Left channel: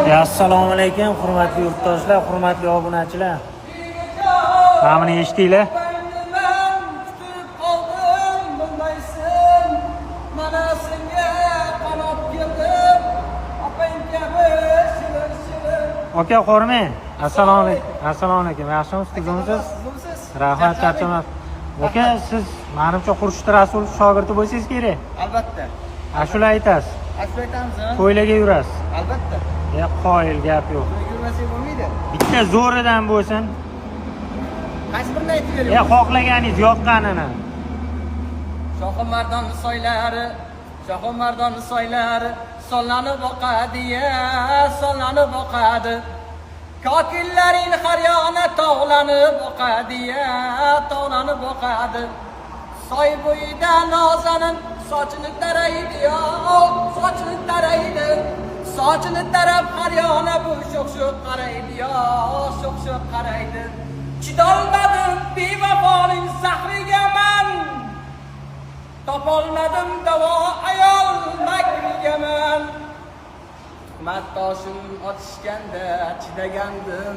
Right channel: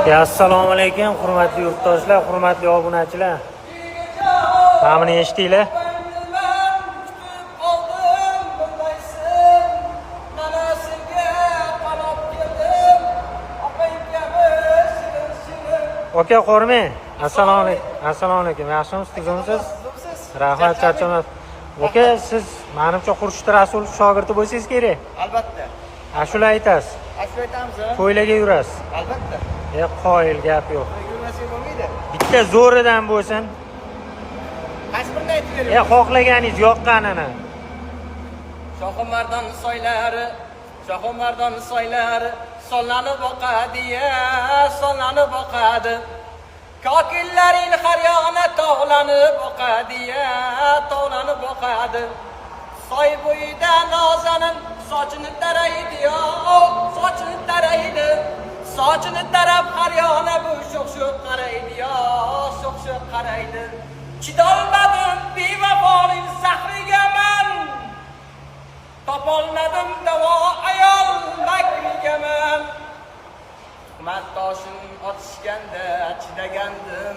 Assalomu alaykum, hurmatli yurtdoshlar, hurmatli obunachilar. Mana buni eshitdinglar. Oka, Xormay. Assalomu alaykum. Assalomu alaykum. Yaxshimisiz, tuzimsiz? Rahmat, charchamas. Oka, siz menimcha Xurshid Rasul shogirdi bo'lsangiz kerak. Albatta. Ashula aytasiz. Ashula aytamiz. To'ylarga yurasiz. Albatta. Qoyil gap yo'q. To'yga yurmasak bo'lmaydi. Bitta zo'ridan bo'lsin. Qaysi birini aytib bering? Xohlaganingiz yoqqanini. Shohimardon soylari, Shohimardon soylari sonlanib boqadi-ya, sonlanib boqadi. Kokillaring har yoqna tog'lanib boqadi-ya, tog'lanib boqadi. Soy bo'yida nozanin sochini taraydi-ya, sochini taraydi. Sochini tarab har yoqna bu sho'x-sho'x qaraydi-ya, sho'x-sho'x qaraydi. Chidolmadim bevafoning zahriga men. Topolmadim davo ayol makriga men. Tuhmat toshin otishganda chidagandim.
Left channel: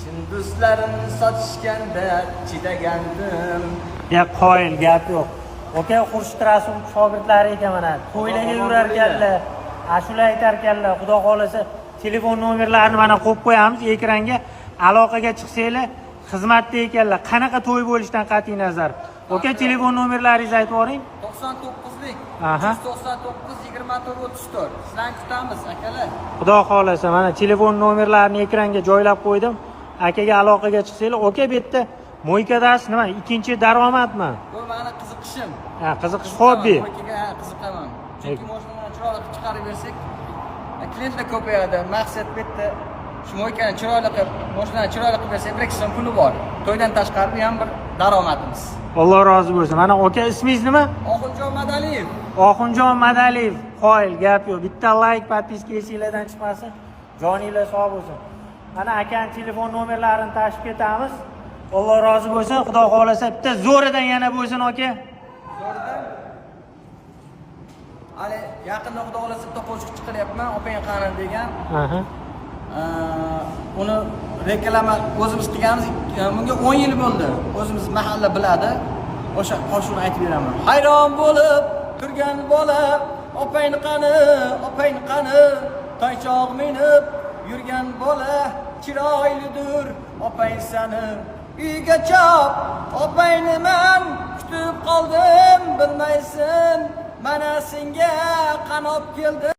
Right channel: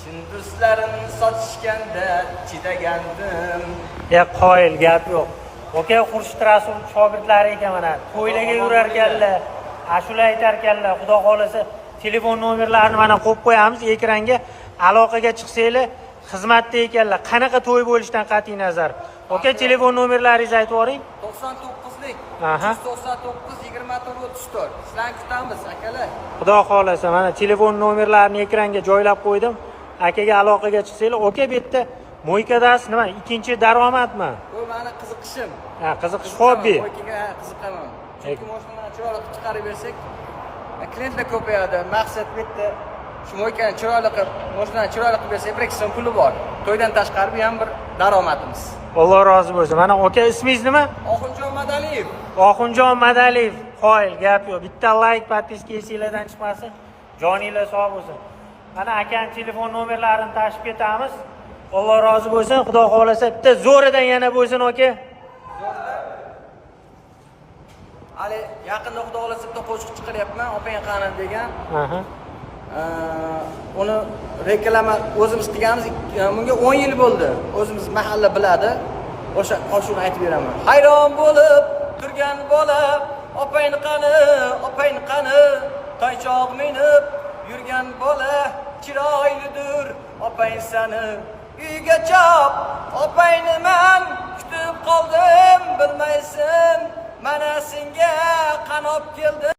Chin do'stlarim sotishganda chidagandim. Qoyil gap yo'q. Oka, Xurshid Rasul shogirdlari ekan mana. To'ylarga yurar ekanlar, ashula aytar ekanlar. Xudo xolasa telefon nomerlarini mana qo'yib qo'yamiz ekranga. Aloqaga chiqsanglar, xizmatda ekanlar. Qanaqa to'y bo'lishidan qat'iy nazar. Oka, telefon nomerlaringizni aytib yuboring. 99lik 199 24 34. Sizlarni kutamiz, akalar. Xudo xolasa mana telefon nomerlarini ekranga joylab qo'ydim. Akaga aloqaga chiqsanglar, oka bu yerda mo'ykadasiz nima? Ikkinchi daromadmi? Bu meni qiziqishim. Qiziqish xobbi. Mo'ykaga qiziqaman. Chunki mashinani chiroyli qilib chiqarib bersak, klientlar ko'payadi. Maqsad bu yerda shu mo'ykani chiroyli qilib, mashinani chiroyli qilib bersak, bir ikki so'm puli bor. To'ydan tashqari bu ham bir daromadimiz. Alloh rozi bo'lsin. Mana oka, ismingiz nima? Oxunjon Madaliyev. Oxunjon Madaliyev. Qoyil gap yo'q. Bitta like, podpiska esingizdan chiqmasin. Joninglar sog' bo'lsin. Mana akaning telefon nomerlarini tashib ketamiz. Alloh rozi bo'lsin. Xudo xolasa bitta zo'ridan yana bo'lsin oka. Hali yaqinda Xudo xolasa bitta qo'shiq chiqaryapman, opang qani degan. Uni reklama o'zimiz qilganmiz. Bunga 10 yil bo'ldi. O'zimiz mahalla biladi. O'sha qo'shiqni aytib beraman. Hayron bo'lib turgan bola, opang qani, opang qani, toychoq minib yurgan bola, chiroylidir opang sani. Uyga chop, opangni men kutib qoldim, bilmaysan, mana senga qanop keldim.